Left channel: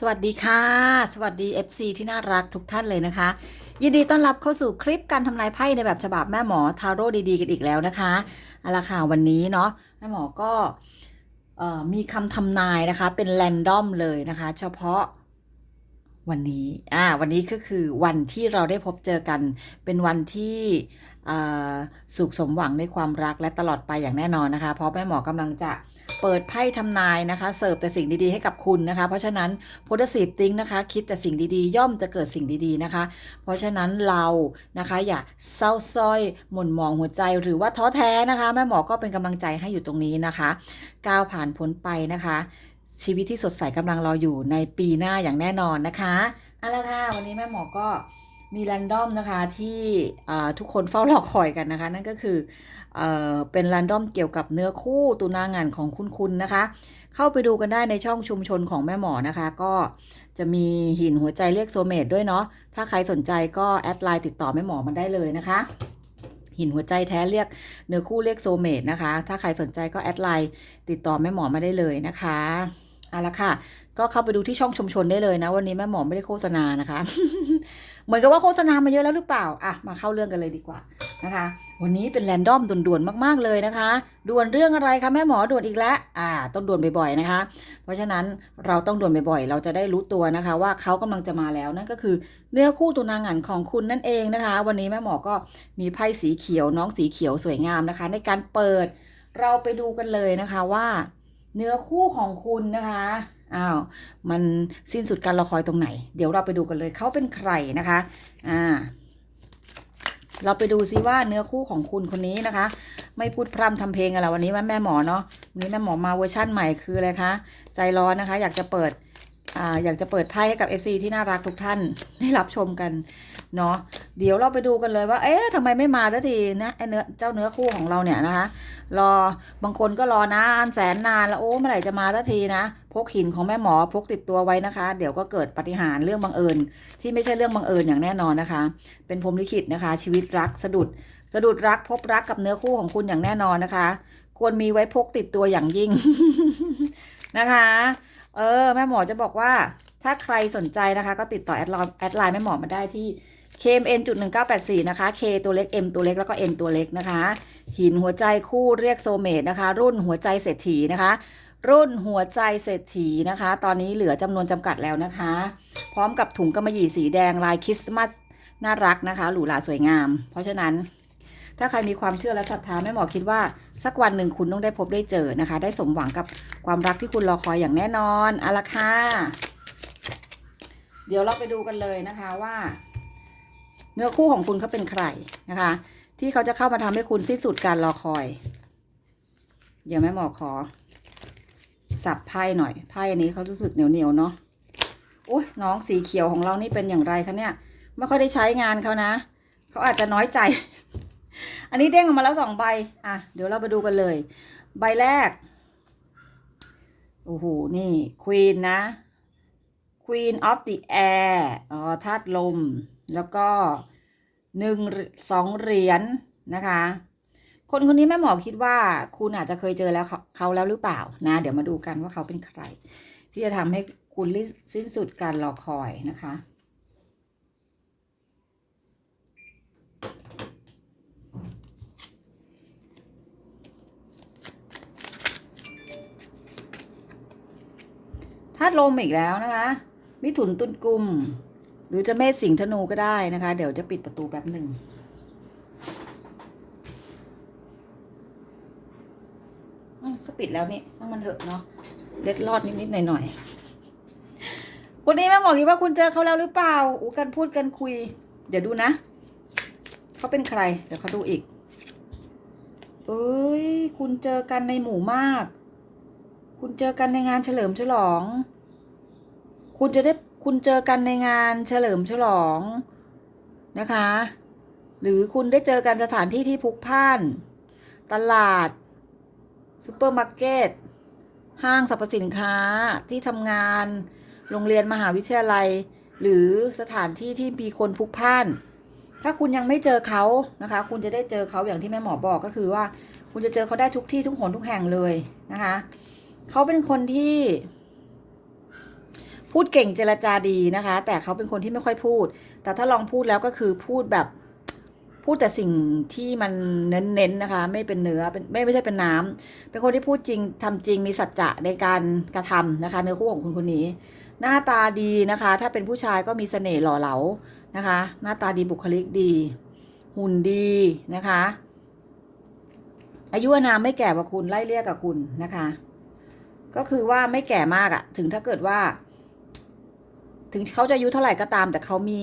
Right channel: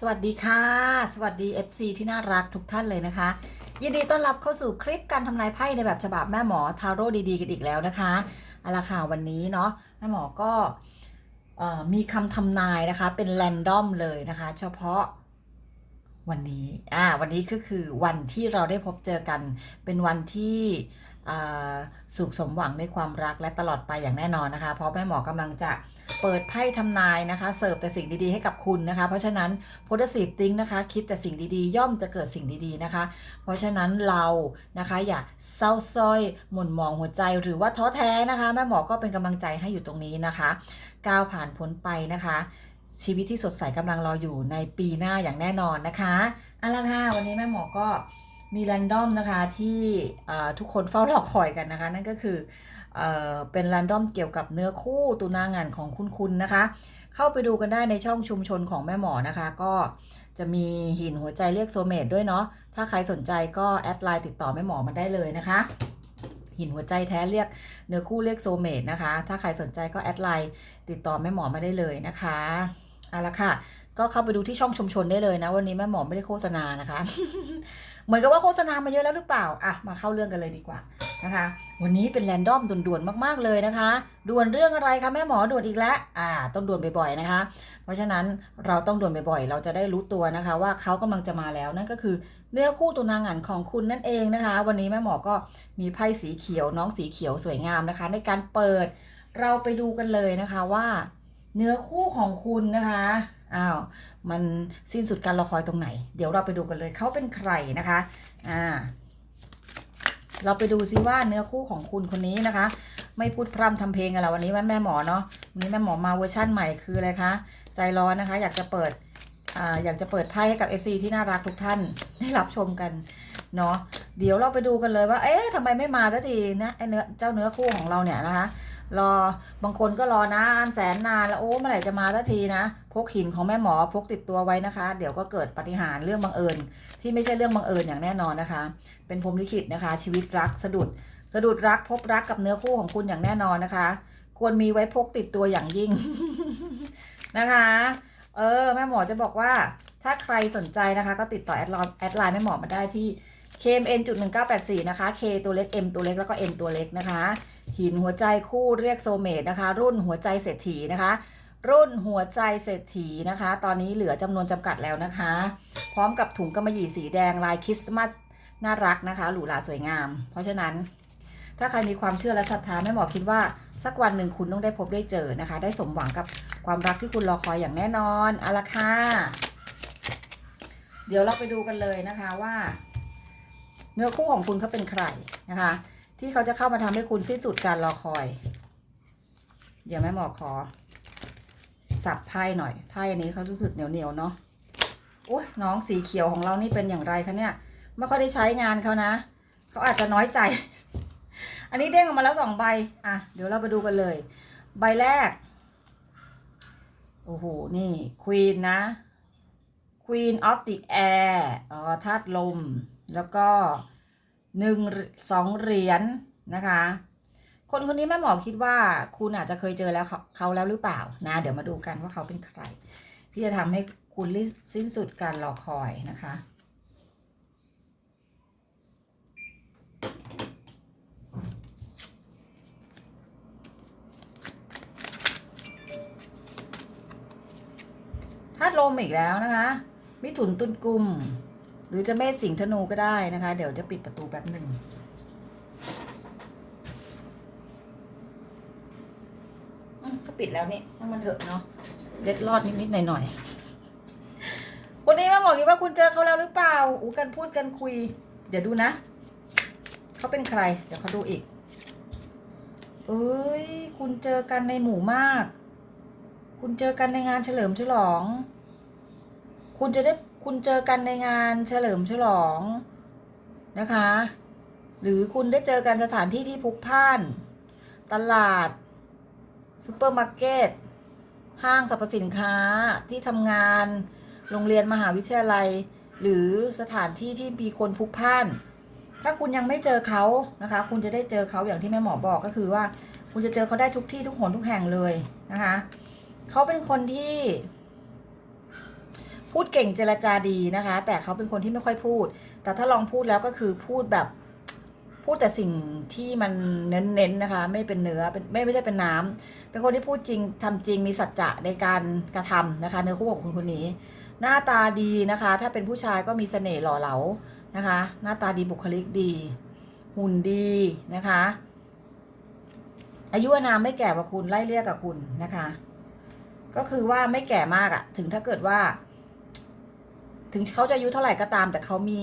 สวัสดีค่ะ สวัสดี FC ที่น่ารักทุกท่านเลยนะคะ ยินดีต้อนรับเข้าสู่คลิปการทำนายไพ่ในแบบฉบับแม่หมอทาโร่ดีๆกันอีกแล้วนะคะเอาละค่ะวันนี้เนาะแม่หมอก็มีคำทำนายนะคะเป็นแรนดอมเลยนะคะ เฉพาะวันนี้อ่าวันนี้ก็คือวันที่เราได้พบเจอกันเป็นวันที่สุขสมหวังในความรักและตลอดไปอย่างแน่นอนนะคะ เพราะแม่หมอกำลังจะ เปิดไพ่ทำนายนะคะเสิร์ฟแต่สิ่งดีๆให้กับคุณนะคะ เพราะฉะนั้น positive think นะคะคิดแต่สิ่งดีๆ ย่อมจะเกิดสิ่งดีๆนะคะ เพราะฉะนั้นเรานะคะอย่าเศร้าส้อยหม่นหมองหัวใจหรือว่าท้อแท้นะคะแม่หมอก็เป็นกำลังใจให้อยู่ตรงนี้นะคะก้าวผ่านพ้นไปนะคะ ชีวิตที่สดใสกำลังรออยู่ในปีหน้าอย่างแน่นอนนะคะเอาละค่ะวันนี้แม่หมอก็มีแรนดอมนะคะที่ทุกคนเฝ้ารอคอยกันนะคะ นั่นก็คือ เเป็นแรนดอมเกี่ยวกับเนื้อคู่ตุนางานของคุณคุณนะคะ เข้าไปดูกันได้ในช่องชุมชนของแม่หมอนะคะ ก็จะมีหินหัวใจเรียกโซเมตด้วยเนาะ ถ้าใครสนใจก็แอดไลน์ติดต่อแม่หมอมาได้เลยนะคะ หินหัวใจแท้เรียกเนื้อคู่เรียกโซเมตนะคะ ถ้าใครสนใจก็แอดไลน์ติดต่อแม่หมอมาได้เลยนะคะเอาละค่ะ ก็เข้าไปดูที่ช่องชุมชนได้เลยนะ วันนี้แม่หมอไม่ได้โฆษณานะคะ เหมือนกับว่าโฆษณามาเยอะแล้วหรือเปล่าอะมาเข้าเรื่องกันเลยดีกว่านะคะ วันนี้เป็นแรนดอมด่วนๆมากๆเลยนะคะ ด่วนเรื่องอะไรคะแม่หมอด่วนอีกแล้วอ่า ต้องด่วนบ่อยๆนะคะ เพราะฉะนั้นเราต้องด่วนบ่อยๆ เราจะได้รู้ตัวนะคะ ว่าเขากำลังจะมาแล้วนั่นก็คือเนื้อคู่ตัวนางหันของคุณนั่นเองนะคะ วันนี้แม่หมอก็มีไพ่สีเขียวน้องสีเขียวสวยงามนะคะ ในการเปิดเราไปดูกันเลยนะคะว่า เนื้อคู่ของคุณนะคะ อ้าวมันสิ้นสุดการรอคอยตรงไหน เดี๋ยวเราไปดูกันเลยเขาเป็นใครนะคะอ่าเราไปดูซิว่าเนื้อคู่ของคุณคนนี้นะคะ ไม่พูดพร่ำทำเพลงอะไรวันนี้ว่าแม่หมอเนาะวันนี้แม่หมอมาเวอร์ชั่นใหม่คืออะไรคะใจร้อนนะคะ อยากจะเปิดอ่าอยากจะเปิดไพ่ให้กับ FC ที่น่ารักทุกท่านได้รับชมกัน เนาะเดี๋ยวเราไปดูกันเลยว่า เอ๊ะทำไมไม่มาสักทีนะไอเนื้อเจ้าเนื้อคู่ของเราเนี่ยนะคะ รอบางคนก็รอนานแสนนานแล้วโอ้เมื่อไหร่จะมาสักทีนะ พกหินของแม่หมอพกติดตัวไว้นะคะ เดี๋ยวก็เกิดปฏิหารเรื่องบังเอิญ ที่ไม่ใช่เรื่องบังเอิญอย่างแน่นอนนะคะ เป็นพรหมลิขิตนะคะ ชีวิตรักสะดุดสะดุดรักพบรักกับเนื้อคู่ของคุณอย่างแน่นอนนะคะ ควรมีไว้พกติดตัวอย่างยิ่งนะคะ เออแม่หมอจะบอกว่าถ้าใครสนใจนะคะ ก็ติดต่อแอดไลน์แอดไลน์แม่หมอมาได้ที่ KMN จุด1984 นะคะ K ตัวเล็ก M ตัวเล็ก แล้วก็ N ตัวเล็กนะคะ หินหัวใจคู่เรียกโซเมตนะคะ รุ่นหัวใจเศรษฐีนะคะ รุ่นหัวใจเศรษฐีนะคะ ตอนนี้เหลือจำนวนจำกัดแล้วนะคะ พร้อมกับถุงกำมะหยี่สีแดงลายคริสต์มาสน่ารักนะคะ หรูหราสวยงาม เพราะฉะนั้น ถ้าใครมีความเชื่อและศรัทธาแม่หมอคิดว่า สักวันหนึ่งคุณต้องได้พบได้เจอนะคะ ได้สมหวังกับความรักที่คุณรอคอยอย่างแน่นอนอาละค่ะเดี๋ยวเราไปดูกันเลยนะคะว่า เนื้อคู่ของคุณเขาเป็นใครนะคะ ที่เขาจะเข้ามาทำให้คุณสิ้นสุดการรอคอย เดี๋ยวแม่หมอขอ สับไพ่หน่อยไพ่อันนี้เขารู้สึกเหนียวเหนียวเนาะอุ้ยน้องสีเขียวของเรานี่เป็นอย่างไรคะเนี่ยไม่ค่อยได้ใช้งานเขานะเขาอาจจะน้อยใจ อันนี้เด้งออกมาแล้วสองใบอะเดี๋ยวเราไปดูกันเลย ใบแรกโอ้โหนี่ Queen นะ Queen of the Air อ๋อธาตุลม แล้วก็หนึ่งสองเหรียญนะคะ คนคนนี้แม่หมอคิดว่าคุณอาจจะเคยเจอแล้วเขาเขาแล้วหรือเปล่านะ เดี๋ยวมาดูกันว่าเขาเป็นใคร ที่จะทำให้คุณสิ้นสุดการรอคอยนะคะธาตุลมอีกแล้วนะคะ มิถุนตุลกุม หรือจะเมษสิงห์ธนูก็ได้นะคะ เดี๋ยวจะปิดประตูแป๊บหนึ่งอืมก็ปิดแล้วนี่ถ้ามันเถอะเนาะเล็ดรอดนิดๆหน่อยๆวันนี้แม่หมอคิดว่าคุณเจอเขาแล้วหรือเปล่าอูกันพูดกันคุย เดี๋ยวดูนะเขาเป็นใคร เดี๋ยวเขาดูอีก เอ้ย คุณเจอกันในหมู่มาก คุณเจอกันในงานเฉลิมฉลอง คุณจะได้ คุณเจอกันในงานเฉลิมฉลองนะคะ หรือคุณได้เจอกันสถานที่ที่พลุกพ่าน ตลาดซูเปอร์มาร์เก็ตห้างสรรพสินค้าที่ทำงาน โรงเรียนมหาวิทยาลัย หรือสถานที่ที่มีคนพลุกพ่าน ถ้าคุณยังไม่เจอเขานะคะ คุณจะได้เจอเขาอย่างที่แม่หมอบอกก็คือว่า คุณจะเจอเขาได้ทุกที่ทุกหนทุกแห่งเลยนะคะ เขาเป็นคนที่ พูดเก่งเจรจาดีนะคะ แต่เขาเป็นคนที่ไม่ค่อยพูด แต่ถ้าลองพูดแล้วก็คือพูดแบบพูดแต่สิ่งที่มันเน้นๆนะคะ ไม่เป็นเนื้อเป็นไม่ไม่ใช่เป็นน้ำเป็นคนที่พูดจริงทำจริงมีสัจจะในการกระทำนะคะ เนื้อคู่ของคุณคนนี้ หน้าตาดีนะคะ ถ้าเป็นผู้ชายก็มีเสน่ห์หล่อเหลานะคะ หน้าตาดีบุคลิกดี หุ่นดีนะคะ อายุอานามไม่แก่กว่าคุณไล่เรียกกับคุณนะคะ ก็คือว่าไม่แก่มากอะถึงถ้าเกิดว่า ถึงเขาจะอายุเท่าไหร่ก็ตาม แต่เขามี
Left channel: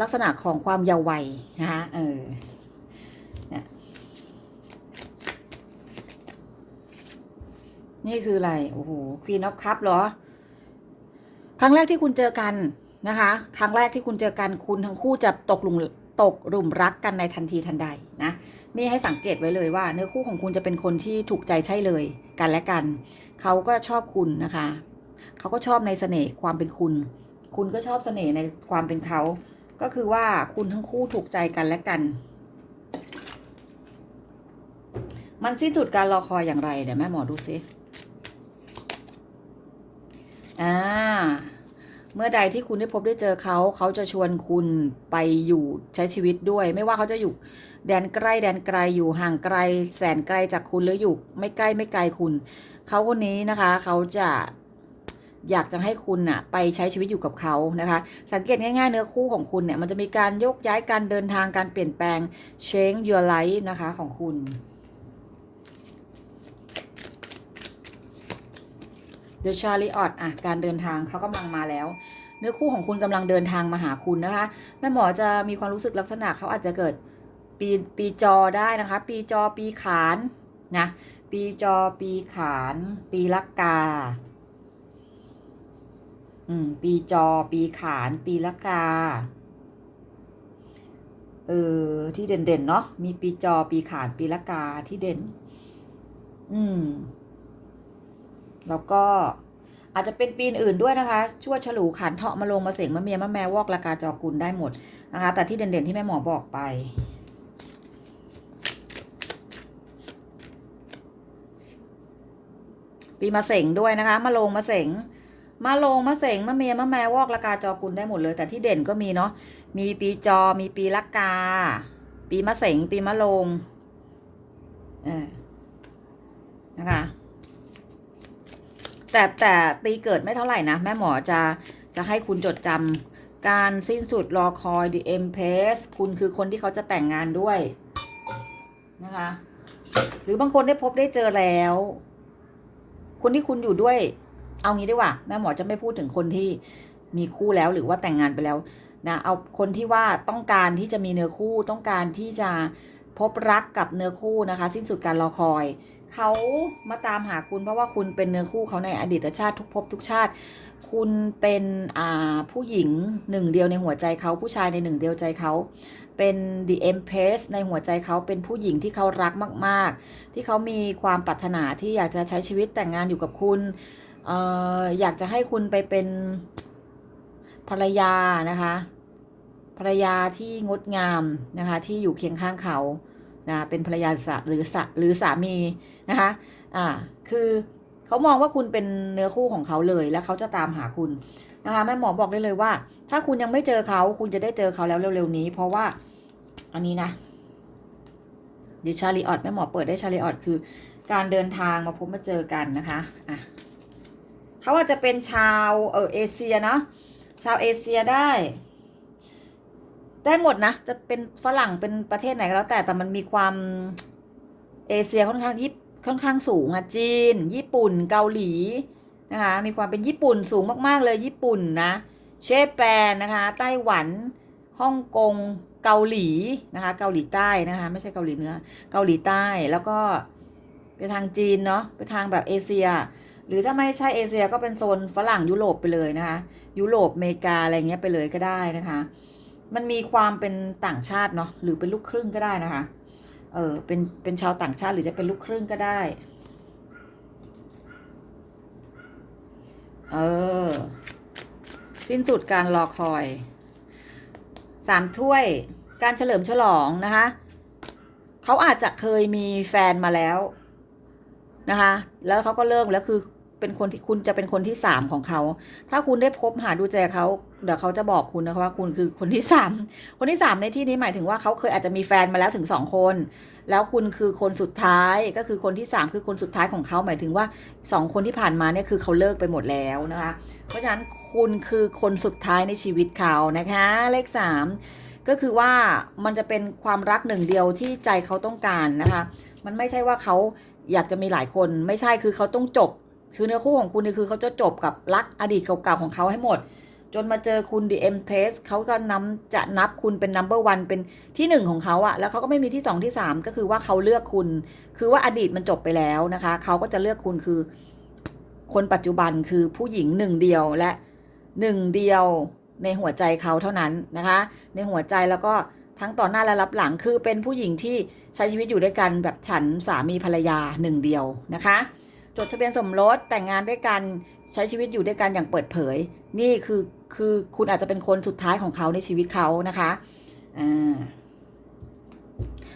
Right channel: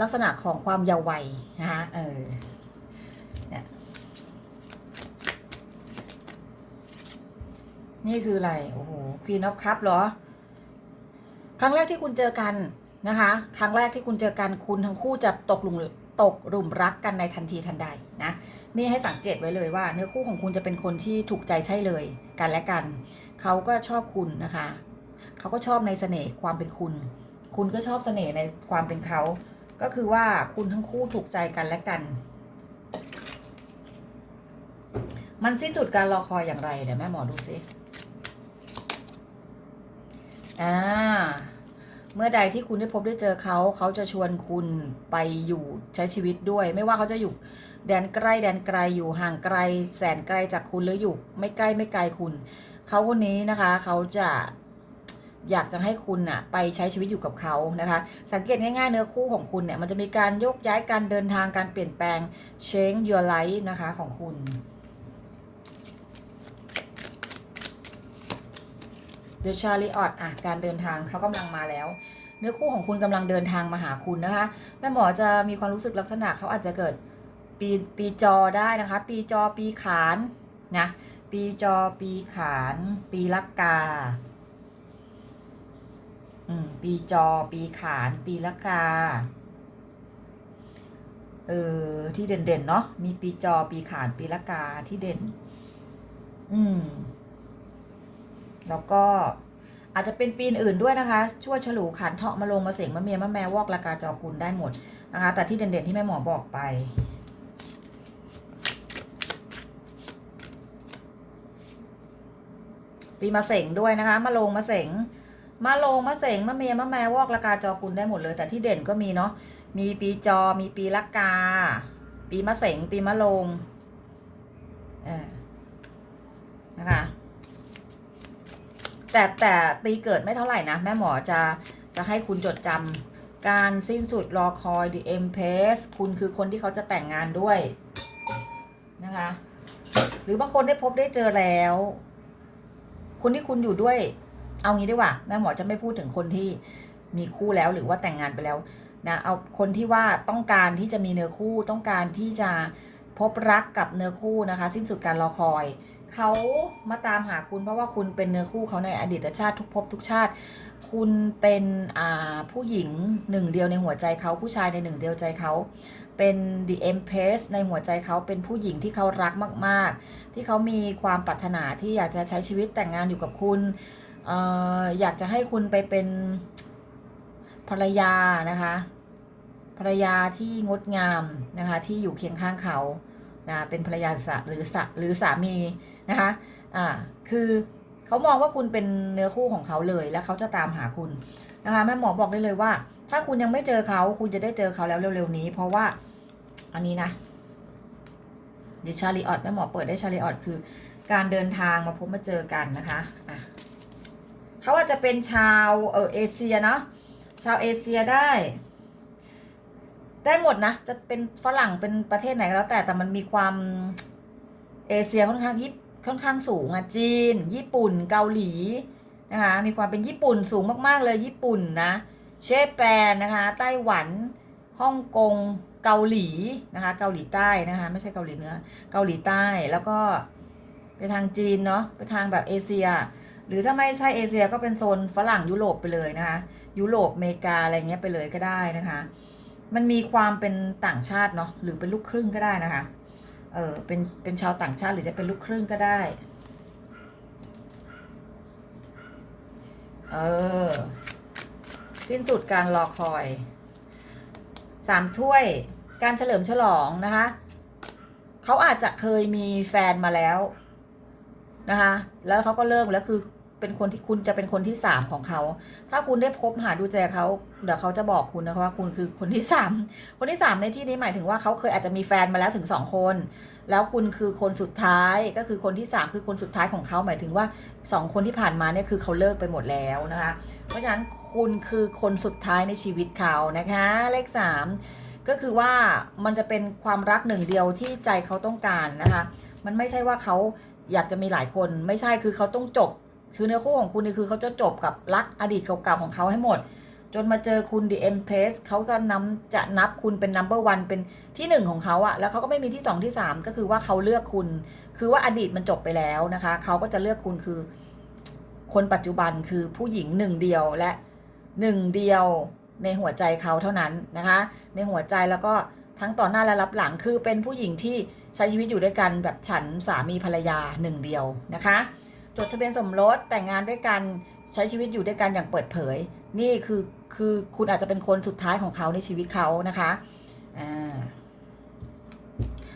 ลักษณะของความเยาว์วัยนะคะเออนี่คืออะไร โอ้โหควีนอ f คัพเหรอ ครั้งแรกที่คุณเจอกันนะคะ ครั้งแรกที่คุณเจอกันคุณทั้งคู่จะตกหลุมตกหลุมรักกันในทันทีทันใดนะนี่ให้สังเกตไว้เลยว่า เนื้อคู่ของคุณจะเป็นคนที่ถูกใจใช่เลยกันและกัน เขาก็ชอบคุณนะคะ เขาก็ชอบในเสน่ห์ความเป็นคุณ คุณก็ชอบเสน่ห์ในความเป็นเขา ก็คือว่าคุณทั้งคู่ถูกใจกันและกัน มันสิ้นสุดการรอคอยอย่างไรเดี๋ยวแม่หมอดูซิอ่าเมื่อใดที่คุณได้พบได้เจอเขา เขาจะชวนคุณไปอยู่ใช้ชีวิตด้วย ไม่ว่าเขาจะอยู่แดนใกล้แดนไกลอยู่ห่างไกล แสนไกลจากคุณหรืออยู่ ไม่ใกล้ไม่ไกลคุณ เขาคนนี้นะคะ เขาจะ อยากจะให้คุณน่ะไปใช้ชีวิตอยู่กับเขานะคะ สังเกตง่ายๆเนื้อคู่ของคุณเนี่ยมันจะมีการยกย้ายการเดินทางการเปลี่ยนแปลง change your life นะคะของคุณ The Chariot อะการเดินทางเขากำลังมาแล้ว เนื้อคู่ของคุณกำลังเดินทางมาหาคุณนะคะ แม่หมอจะมีความรู้สึกลักษณะเขาอาจจะเกิดปีปีจอได้นะคะ ปีจอปีขานนะปีจอปีขาน ปีละกา อืม ปีจอ ปีขาน ปีละกา เออ ที่เด่นๆ เนาะ มีปีจอ ปีขาน ปีละกา ที่เด่น อืม แล้วก็อาจจะเป็นปีอื่นด้วยนะคะ ชั่วฉลูขันเถาะมาลงมาเสงมาเมียมาแมวอกละกาจอกุลได้หมดนะคะ แต่ที่เด่นๆ ที่แม่หมอบอกไปปีมาเสงด้วยนะคะ มาลงมาเสง มาลงมาเสงมาเมียมาแมวอกละกาจอกุลได้หมดเลย แต่ที่เด่นก็มีเนาะมีปีจอมีปีละกา ปีมะเสงปีมะลงเออนะคะแต่แต่ปีเกิดไม่เท่าไหร่นะ แม่หมอจะจะให้คุณจดจำการสิ้นสุดรอคอย The Empress คุณคือคนที่เขาจะแต่งงานด้วย นะคะ หรือบางคนได้พบได้เจอแล้ว คนที่คุณอยู่ด้วย เอางี้ดีกว่า แม่หมอจะไม่พูดถึงคนที่มีคู่แล้วหรือว่าแต่งงานไปแล้วนะเอาคนที่ว่าต้องการที่จะมีเนื้อคู่ต้องการที่จะพบรักกับเนื้อคู่นะคะ สิ้นสุดการรอคอย เขามาตามหาคุณเพราะว่าคุณเป็นเนื้อคู่เขาในอดีตชาติทุกภพทุกชาติ คุณเป็นผู้หญิงหนึ่งเดียวในหัวใจเขาผู้ชายในหนึ่งเดียวใจเขาเป็น the empress ในหัวใจเขาเป็นผู้หญิงที่เขารักมาก ๆ ที่เขามีความปรารถนาที่อยากจะใช้ชีวิตแต่งงานอยู่กับคุณ อออยากจะให้คุณไปเป็นภรรยานะคะ ภรรยาที่งดงามนะคะ ที่อยู่เคียงข้างเขานะเป็นภรรยาสหรือสะหรือสามีนะคะอ่าคือเขามองว่าคุณเป็นเนื้อคู่ของเขาเลย แล้วเขาจะตามหาคุณนะคะแม่หมอบอกได้เลยว่า ถ้าคุณยังไม่เจอเขาคุณจะได้เจอเขาแล้วเร็วๆนี้ เพราะว่าอันนี้นะดิชาริออตแม่หมอเปิดได้ชาริออตคือ การเดินทางมาพบมาเจอกันนะคะอะ เขาอาจจะเป็นชาวเออเอเชียเนาะชาวเอเชียได้ ได้หมดนะ จะเป็นฝรั่งเป็นประเทศไหนก็แล้วแต่แต่มันมีความเอเชียค่อนข้างยิบค่อนข้างสูงอะจีน ญี่ปุ่นเกาหลีนะคะมีความเป็นญี่ปุ่นสูงมากๆเลยญี่ปุ่นนะเชฟแปนนะคะไต้หวันฮ่องกงเกาหลีนะคะเกาหลีใต้นะคะไม่ใช่เกาหลีเหนือเกาหลีใต้แล้วก็ไปทางจีนเนาะไปทางแบบเอเชีย หรือถ้าไม่ใช่เอเชียก็เป็นโซนฝรั่งยุโรปไปเลยนะคะ ยุโรปอเมริกาอะไรเงี้ยไปเลยก็ได้นะคะ มันมีความเป็นต่างชาติเนาะหรือเป็นลูกครึ่งก็ได้นะคะ เออเป็นเป็นชาวต่างชาติหรือจะเป็นลูกครึ่งก็ได้ เออ สิ้นสุดการรอคอยสามถ้วยการเฉลิมฉลองนะคะเขาอาจจะเคยมีแฟนมาแล้วนะคะ แล้วเขาก็เลิกแล้วคือ เป็นคนที่คุณจะเป็นคนที่สามของเขา ถ้าคุณได้พบหาดูใจเขา เดี๋ยวเขาจะบอกคุณนะคะว่าคุณคือคนที่สามคนที่สามในที่นี้หมายถึงว่าเขาเคยอาจจะมีแฟนมาแล้วถึงสองคน แล้วคุณคือคนสุดท้ายก็คือคนที่สามคือคนสุดท้ายของเขาหมายถึงว่าสองคนที่ผ่านมาเนี่ยคือเขาเลิกไปหมดแล้วนะคะ เพราะฉะนั้นคุณคือคนสุดท้ายในชีวิตเขานะคะ เลขสามก็คือว่ามันจะเป็นความรักหนึ่งเดียวที่ใจเขาต้องการนะคะ มันไม่ใช่ว่าเขาอยากจะมีหลายคนไม่ใช่คือเขาต้องจบ คือเนื้อคู่ของคุณนี่คือเขาจะจบกับรักอดีตเก่าๆของเขาให้หมด จนมาเจอคุณ The Empress เขาก็นำจะนับคุณเป็น number one เป็นที่หนึ่งของเขาอะแล้วเขาก็ไม่มีที่สองที่สามก็คือว่าเขาเลือกคุณ คือว่าอดีตมันจบไปแล้วนะคะเขาก็จะเลือกคุณคือ คนปัจจุบันคือผู้หญิงหนึ่งเดียวและหนึ่งเดียวในหัวใจเขาเท่านั้นนะคะ ในหัวใจแล้วก็ทั้งต่อหน้าและรับหลังคือเป็นผู้หญิงที่ใช้ชีวิตอยู่ด้วยกันแบบฉันสามีภรรยาหนึ่งเดียวนะคะ จดทะเบียนสมรสแต่งงานด้วยกันใช้ชีวิตอยู่ด้วยกันอย่างเปิดเผย นี่คือคือคุณอาจจะเป็นคนสุดท้ายของเขาในชีวิตเขานะคะอ่า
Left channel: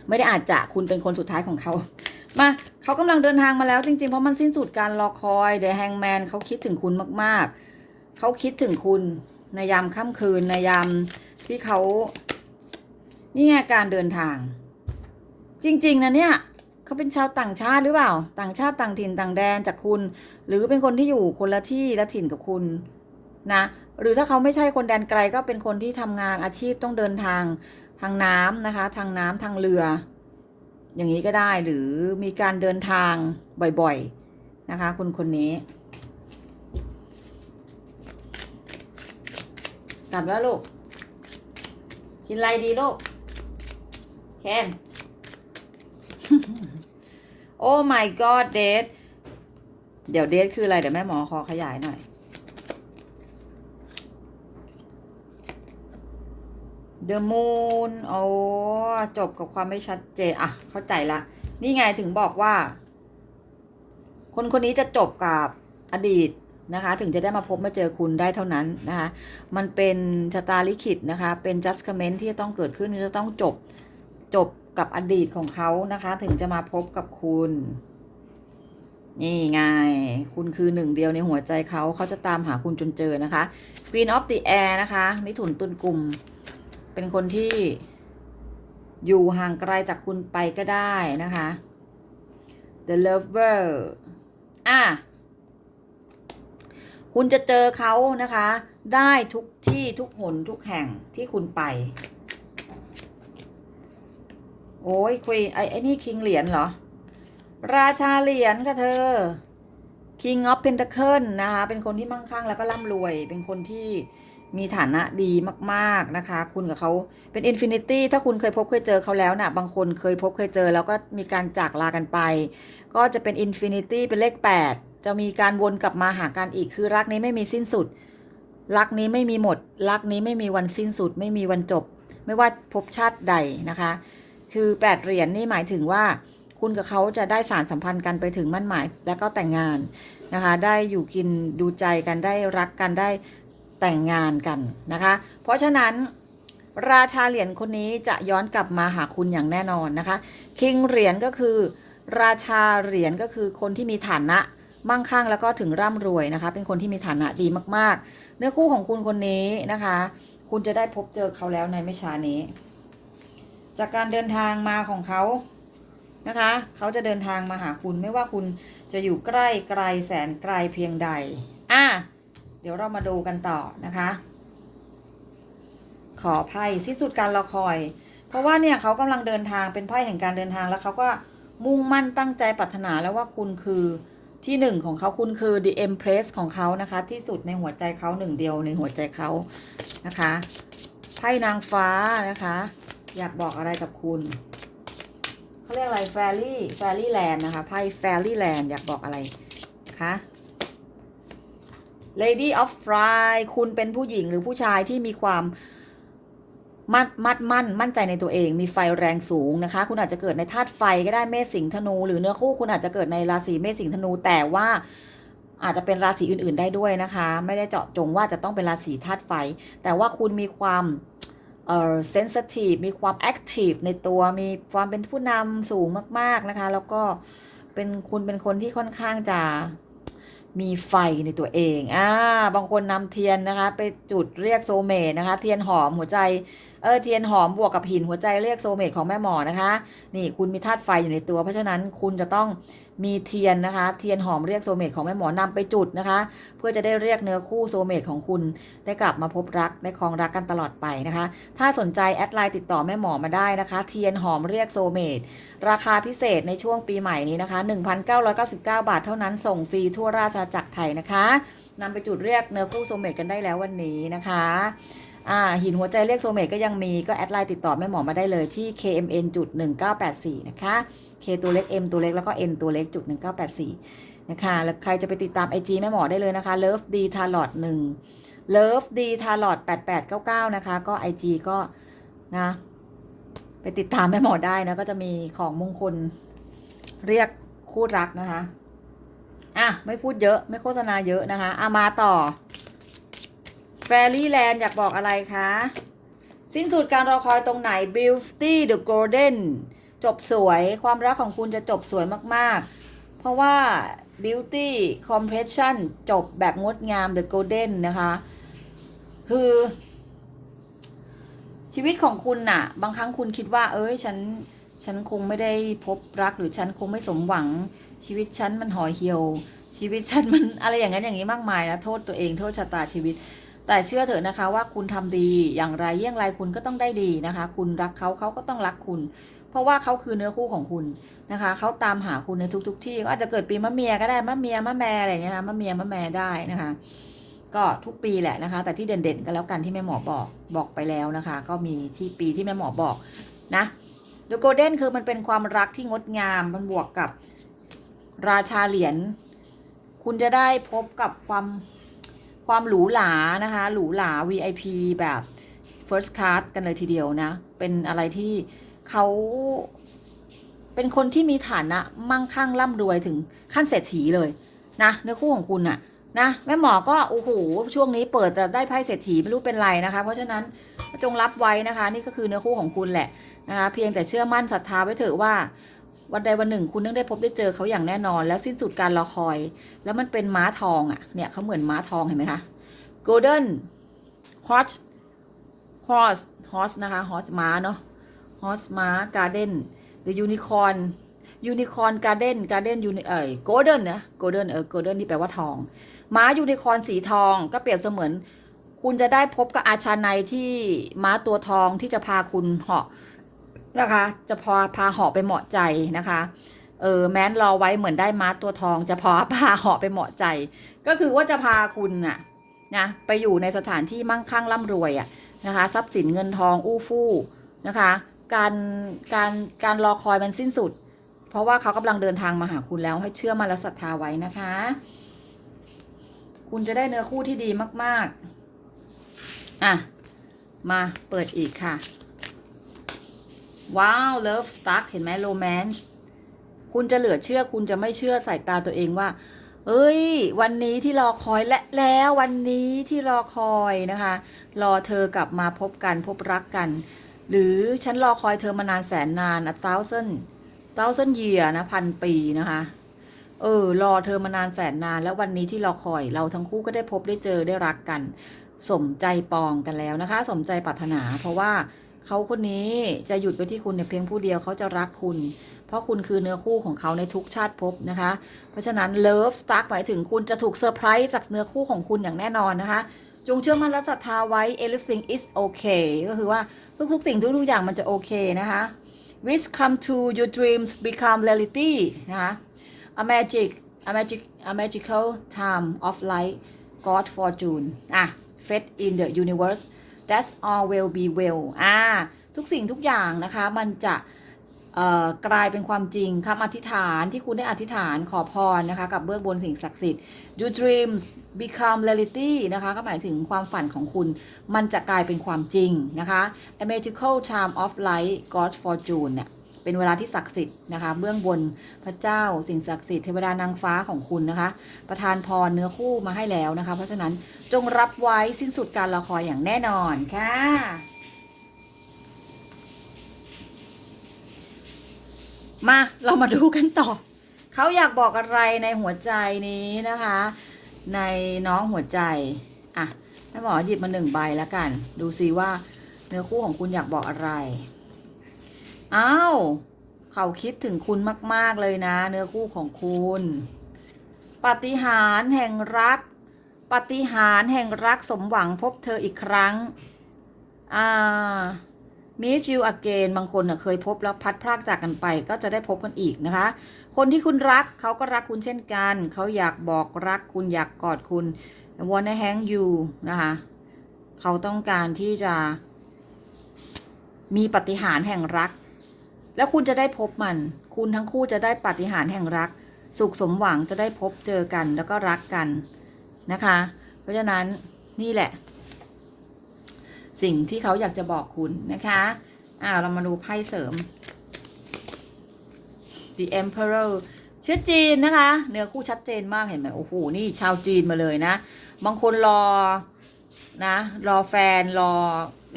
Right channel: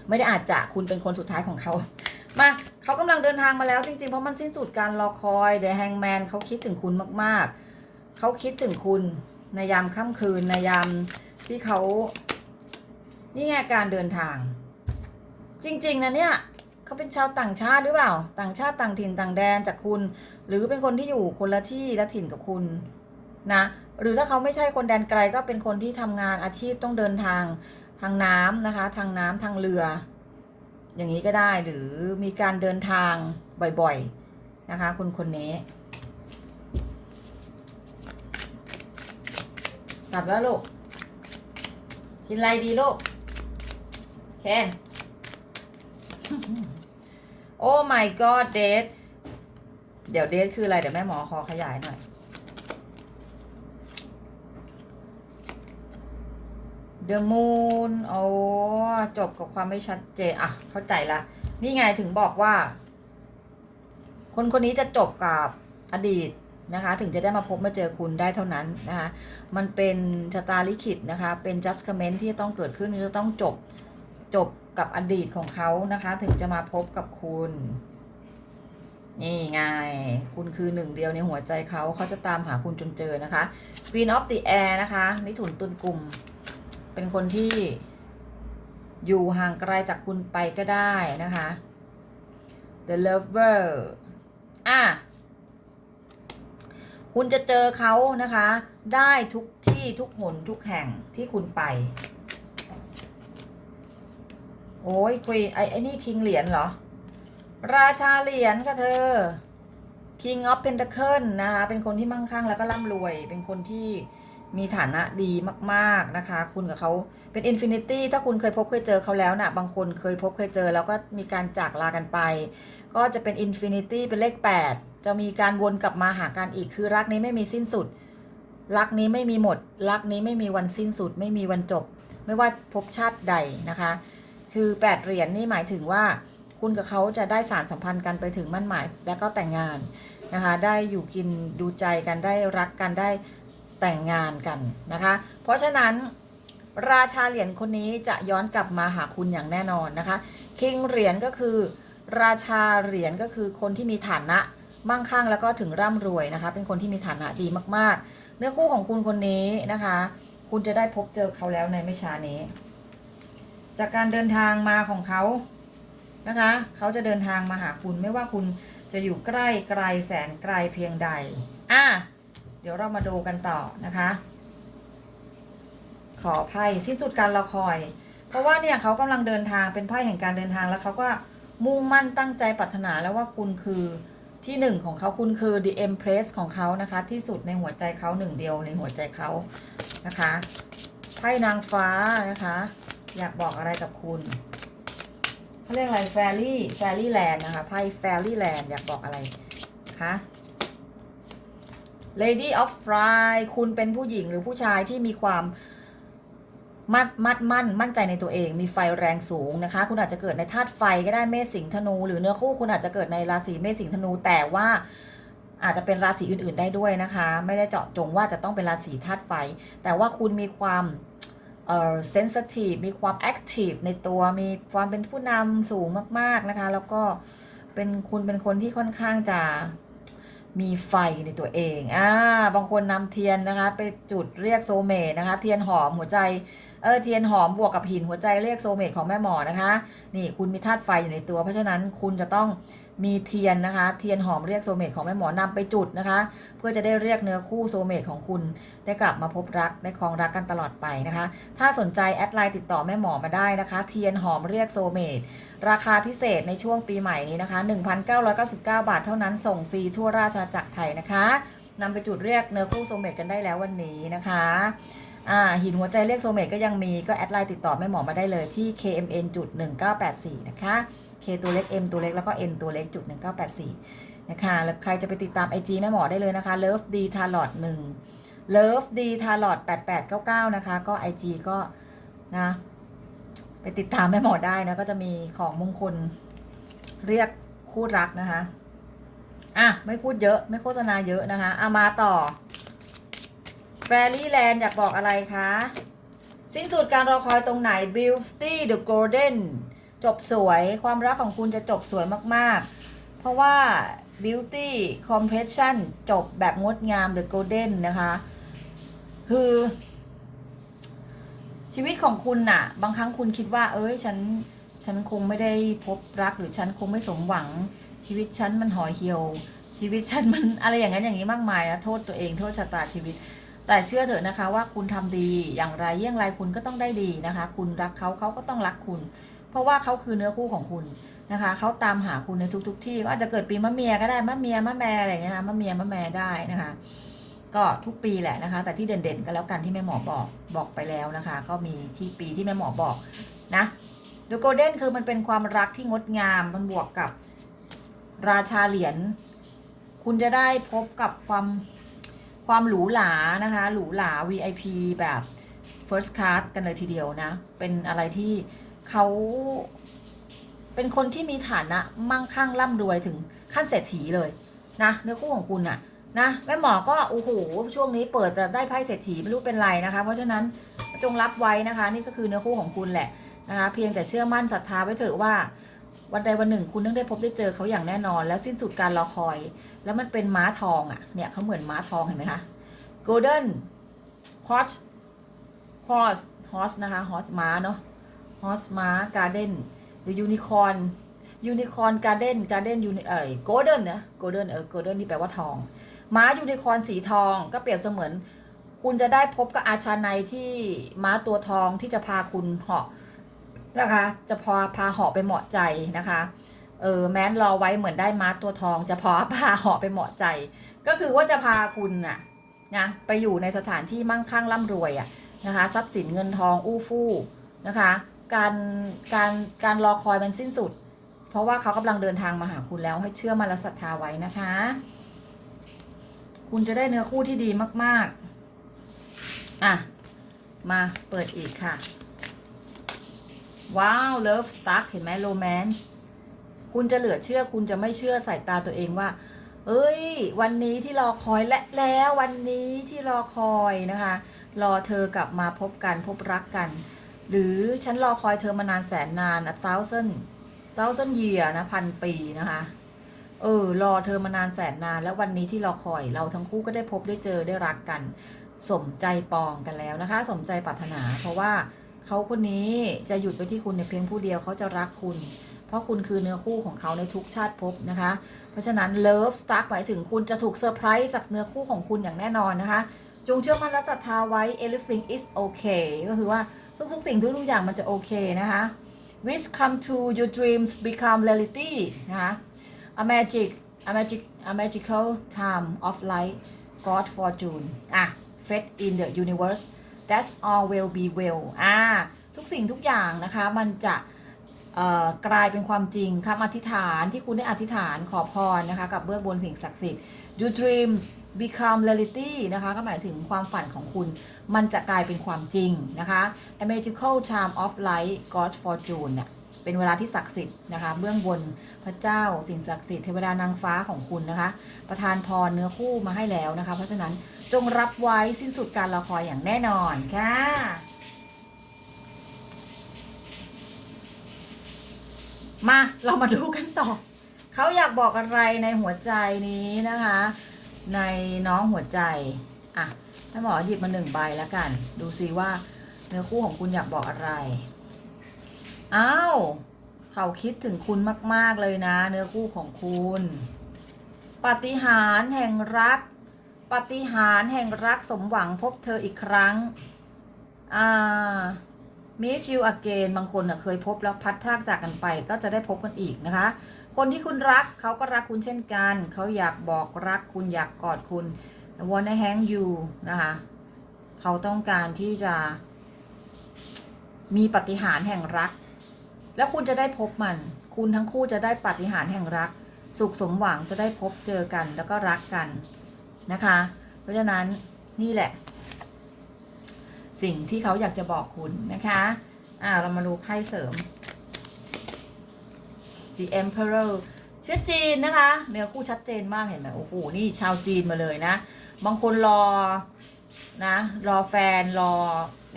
ไม่ได้อาจจะคุณเป็นคนสุดท้ายของเขามาเขากำลังเดินทางมาแล้วจริงๆ เพราะมันสิ้นสุดการรอคอยเด e h แฮงแมนเขาคิดถึงคุณมากๆ เขาคิดถึงคุณในยามค่ำคืนในยามที่เขานี่ไงการเดินทาง จริง ๆนะเนี่ย เขาเป็นชาวต่างชาติหรือเปล่า ต่างชาติต่างถิ่นต่างแดนจากคุณ หรือเป็นคนที่อยู่คนละที่ละถิ่นกับคุณนะ หรือถ้าเขาไม่ใช่คนแดนไกลก็เป็นคนที่ทำงานอาชีพต้องเดินทางทางน้ำนะคะ ทางน้ำทางเรือ อย่างนี้ก็ได้หรือมีการเดินทางบ่อยๆนะคะคุณคนนี้กลับแล้วลูก กินอะไรดีลูกเคน โอ้ my god เดทเดี๋ยวเดทคืออะไร เดี๋ยวแม่หมอขอขยายหน่อย The Moon โอ้จบกับความไม่ชัดเจน อะ เข้าใจละ นี่ไงถึงบอกว่า คนคนนี้จะจบกับอดีตนะคะ ถึงจะได้มาพบมาเจอคุณได้เท่านั้นนะคะ มันเป็นชะตาลิขิตนะคะ เป็น judgment ที่จะต้องเกิดขึ้นจะต้องจบ จบกับอดีตของเขานะคะ ถึงจะมาพบกับคุณ นี่ไง คุณคือหนึ่งเดียวในหัวใจเขาเขาจะตามหาคุณจนเจอนะคะ Queen of the Air นะคะมิถุนตุลกลุ่ม เป็นคนที่อยู่ห่างไกลจากคุณไปก็ได้นะคะ The Lover อะคุณจะเจอเขานะคะ ได้ทุกที่ทุกหนทุกแห่งที่คุณไป โอ้ยคุยไอ้ไอ้นี่คิงเหรียญเหรอ ราชาเหรียญค่ะเธอ King of Pentacle นะคะเป็นคนที่มั่งคั่งแล้วก็ร่ำรวย เป็นคนที่มีฐานะดีมากๆนะคะ คุณกับเขาเป็น Infinity ถ้าคุณเคยพบเคยเจอเขาแล้วนะ่ะ บางคนเคยพบเคยเจอ แล้วก็มีการจากลากันไป ก็จะเป็น Infinity เป็นเลข 8 จะมีการวนกลับมาหากันอีกคือรักนี้ไม่มีสิ้นสุด รักนี้ไม่มีหมด รักนี้ไม่มีวันสิ้นสุด ไม่มีวันจบ ไม่ว่าภพชาติใดนะคะ คือ 8 เหรียญนี่หมายถึงว่าคุณกับเขาจะได้สารสัมพันธ์กันไปถึงมั่นหมายแล้วก็แต่งงานนะคะ ได้อยู่กินดูใจกันได้รักกันได้แต่งงานกันนะคะ เพราะฉะนั้นราชาเหรียญคนนี้จะย้อนกลับมาหาคุณอย่างแน่นอนนะคะ คิงเหรียญก็คือ ราชาเหรียญก็คือคนที่มีฐานะมั่งคั่งแล้วก็ถึงร่ำรวยนะคะ เป็นคนที่มีฐานะดีมากๆ เนื้อคู่ของคุณคนนี้นะคะ คุณจะได้พบเจอเขาแล้วในไม่ช้านี้ จากการเดินทางมาของเขานะคะ เขาจะเดินทางมาหาคุณไม่ว่าคุณจะอยู่ใกล้ไกลแสนไกลเพียงใด อะ เดี๋ยวเรามาดูกันต่อนะคะ ขอไพ่สิ้นสุดการรอคอย เพราะว่าเนี่ยเขากำลังเดินทางเป็นไพ่แห่งการเดินทางแล้วเขาก็มุ่งมั่นตั้งใจปรารถนาแล้วว่าคุณคือที่หนึ่งของเขาคุณคือ the empress ของเขานะคะ ที่สุดในหัวใจเขาหนึ่งเดียวในหัวใจเขานะคะไพ่นางฟ้านะคะ อยากบอกอะไรกับคุณเขาเรียกอะไร fairy fairy land นะคะไพ่ fairy land อยากบอกอะไรคะ Lady of Fly คุณเป็นผู้หญิงหรือผู้ชายที่มีความมัดมัดมั่น มั่นใจในตัวเอง มีไฟแรงสูงนะคะ คุณอาจจะเกิดในธาตุไฟก็ได้เมษสิงห์ธนู หรือเนื้อคู่คุณอาจจะเกิดในราศีเมษสิงห์ธนู แต่ว่าอาจจะเป็นราศีอื่น ๆ ได้ด้วยนะคะ ไม่ได้เจาะจงว่าจะต้องเป็นราศีธาตุไฟ แต่ว่าคุณมีความ เออเซนสทีฟมีความแอคทีฟในตัวมีความเป็นผู้นำสูงมาก ๆ นะคะ แล้วก็เป็นคุณเป็นคนที่ค่อนข้างจะมีไฟในตัวเอง อ่า บางคนนำเทียนนะคะ ไปจุดเรียกโซเมนะคะ เทียนหอมหัวใจ เออเทียนหอมบวกกับหินหัวใจเรียกโซเมตของแม่หมอนะคะ นี่คุณมีธาตุไฟอยู่ในตัว เพราะฉะนั้นคุณจะต้องมีเทียนนะคะ เทียนหอมเรียกโซเมตของแม่หมอนำไปจุดนะคะ เพื่อจะได้เรียกเนื้อคู่โซเมตของคุณ ได้กลับมาพบรักได้ครองรักกันตลอดไปนะคะ ถ้าสนใจแอดไลน์ติดต่อแม่หมอมาได้นะคะ เทียนหอมเรียกโซเมตราคาพิเศษในช่วงปีใหม่นี้นะคะ 1,999 บาทเท่านั้นส่งฟรีทั่วราชอาณาจักรไทยนะคะนำไปจุดเรียกเนื้อคู่โซเมตกันได้แล้ววันนี้นะคะ อ่าหินหัวใจเรียกโซเมตก็ยังมีก็แอดไลน์ติดต่อแม่หมอมาได้เลยที่ KMN จุด1984 นะคะ K ตัวเล็ก M ตัวเล็กแล้วก็ N ตัวเล็กจุด1984 นะคะแล้วใครจะไปติดตาม IG แม่หมอได้เลยนะคะ Love D t a l o t 1 Love D t a l o t 8899 นะคะ ก็ IG ก็นะไปติดตามแม่หมอได้นะก็จะมีของมงคลเรียกคู่รักนะคะ อะ ไม่พูดเยอะไม่โฆษณาเยอะนะคะอามาต่อ แฟรี่แลนด์อยากบอกอะไรคะ สิ้นสุดการรอคอยตรงไหน Beauty the Golden จบสวยความรักของคุณจะจบสวยมากๆ เพราะว่า Beauty Compression จบแบบงดงาม The Golden นะคะ คือ ชีวิตของคุณน่ะ บางครั้งคุณคิดว่า เอ้ย ฉัน ฉันคงไม่ได้พบรักหรือฉันคงไม่สมหวัง ชีวิตฉันมันห่อเหี่ยว ชีวิตฉันมันอะไรอย่างนั้นอย่างนี้มากมายนะโทษตัวเองโทษชะตาชีวิต แต่เชื่อเถอะนะคะว่าคุณทำดีอย่างไรเยี่ยงไรคุณก็ต้องได้ดีนะคะ คุณรักเขาเขาก็ต้องรักคุณ เพราะว่าเขาคือเนื้อคู่ของคุณนะคะเขาตามหาคุณในทุกๆที่ก็อาจจะเกิดปีมะเมียก็ได้มะเมียมะแม่อะไรอย่างเงี้ยนะมะเมียมะแม่ได้นะคะ ก็ทุกปีแหละนะคะ แต่ที่เด่นๆกันแล้วกันที่แม่หมอบอกบอกไปแล้วนะคะ ก็มีที่ปีที่แม่หมอบอกนะดูโกลเด้นคือมันเป็นความรักที่งดงามมันบวกกับราชาเหรียญคุณจะได้พบกับความ ความหรูหรานะคะ หรูหรา VIP แบบ first class กันเลยทีเดียวนะ เป็นอะไรที่เขาเป็นคนที่มีฐานะมั่งคั่งร่ำรวยถึงขั้นเศรษฐีเลยนะเนื้อคู่ของคุณน่ะนะแม่หมอก็โอ้โหช่วงนี้เปิดจะได้ไพ่เศรษฐีไม่รู้เป็นไรนะคะ เพราะฉะนั้นจงรับไว้นะคะ นี่ก็คือเนื้อคู่ของคุณแหละนะคะเพียงแต่เชื่อมั่นศรัทธาไว้เถอะว่า วันใดวันหนึ่ง คุณต้องได้พบได้เจอเขาอย่างแน่นอน แล้วสิ้นสุดการรอคอย แล้วมันเป็นม้าทองอะ่ะเนี่ยเขาเหมือนม้าทองเห็นไหมคะ golden horse horse horse นะคะ horse ม้าเนาะ horse ม้า garden the unicorn unicorn garden garden uni เอ่ย golden นะ golden เออ golden ที่แปลว่าทอง ม้ายูนิคอร์นสีทองก็เปรียบเสมือน คุณจะได้พบกับอาชาในที่ม้าตัวทองที่จะพาคุณเหาะ นะคะ จะพาพาหาะไปเหมาะใจนะคะเออแม้นรอไว้เหมือนได้ม้าตัวทอง จะพาพาหาะไปเหมาะใจ ก็คือว่าจะพาคุณน่ะนะไปอยู่ในสถานที่มั่งคั่งร่ำรวยอะนะคะทรัพย์สินเงินทองอู้ฟู่นะคะ การการการรอคอยมันสิ้นสุด เพราะว่าเขากำลังเดินทางมาหาคุณแล้วให้เชื่อมาและศรัทธาไว้นะคะ คุณจะได้เนื้อคู่ที่ดีมาก ๆ อะ มาเปิดอีกค่ะ ว้าว love stuck เห็นไหม romance คุณจะเหลือเชื่อคุณจะไม่เชื่อสายตาตัวเองว่า เอ้ย วันนี้ที่รอคอยและแล้ววันนี้ที่รอคอยนะคะ รอเธอกลับมาพบกันพบรักกัน หรือฉันรอคอยเธอมานานแสนนาน a thousand thousand year นะพันปีนะคะ เออ รอเธอมานานแสนนาน แล้ววันนี้ที่รอคอย เราทั้งคู่ก็ได้พบได้เจอได้รักกัน สมใจปองกันแล้วนะคะ สมใจปรารถนาเพราะว่า เขาคนนี้จะหยุดไว้ที่คุณในเพียงผู้เดียวเขาจะรักคุณ เพราะคุณคือเนื้อคู่ของเขาในทุกชาติภพนะคะ เพราะฉะนั้น love stuck หมายถึงคุณจะถูกเซอร์ไพรส์จากเนื้อคู่ของคุณอย่างแน่นอนนะคะ จงเชื่อมั่นและศรัทธาไว้ everything is okay ก็คือว่าทุกๆ สิ่งทุกๆอย่างมันจะโอเคนะคะ wish come to your dreams become reality นะคะ a magic a magic a magical time of light God fortune อะ fate in the universe that's all will be well อ่าทุกสิ่งทุกอย่างนะคะมันจะกลายเป็นความจริงคำอธิษฐานที่คุณได้อธิษฐานขอพรนะคะกับเบื้องบนสิ่งศักดิ์สิทธิ์ your dreams become reality นะคะก็หมายถึงความฝันของคุณ มันจะกลายเป็นความจริงนะคะ a magical time of light God fortune เนี่ย เป็นเวลาที่ศักดิ์สิทธิ์นะคะ เบื้องบนพระเจ้าสิ่งศักดิ์สิทธิ์เทวดานางฟ้าของคุณนะคะ ประทานพรเนื้อคู่มาให้แล้วนะคะ เพราะฉะนั้นจงรับไว้สิ้นสุดการรอคอยอย่างแน่นอนค่ะมาเรามาดูกันต่อเขาอยากบอกอะไรในหัวใจนี้นะคะ ในน้องหัวใจอะแม่หมอหยิบมาหนึ่งใบแล้วกัน ดูซิว่าเนื้อคู่ของคุณอยากบอกอะไร อ้าว เขาคิดถึงคุณมาก ๆ เลยนะ เนื้อคู่ของคุณ ปฏิหารแห่งรัก ปฏิหารแห่งรักสมหวังพบเธออีกครั้ง อ่า meet you again บางคนน่ะเคยพบแล้วพัดพรากจากกันไป ก็จะได้พบกันอีกนะคะ คนที่คุณรักเขาก็รักคุณเช่นกัน เขาอยากบอกรักคุณอยากกอดคุณ wanna hang you นะคะ เขาต้องการที่จะมีปฏิหารแห่งรัก แล้วคุณจะได้พบมัน คุณทั้งคู่จะได้ปาฏิหาริย์แห่งรัก สุขสมหวังจะได้พบเจอกันแล้วก็รักกันนะคะ เพราะฉะนั้นนี่แหละ สิ่งที่เขาอยากจะบอกคุณนะคะอ่าเรามาดูไพ่เสริม The Emperor เชื้อจีนนะคะ เนื้อคู่ชัดเจนมากเห็นไหมโอ้โหนี่ชาวจีนมาเลยนะ บางคนรอนะรอแฟนรอ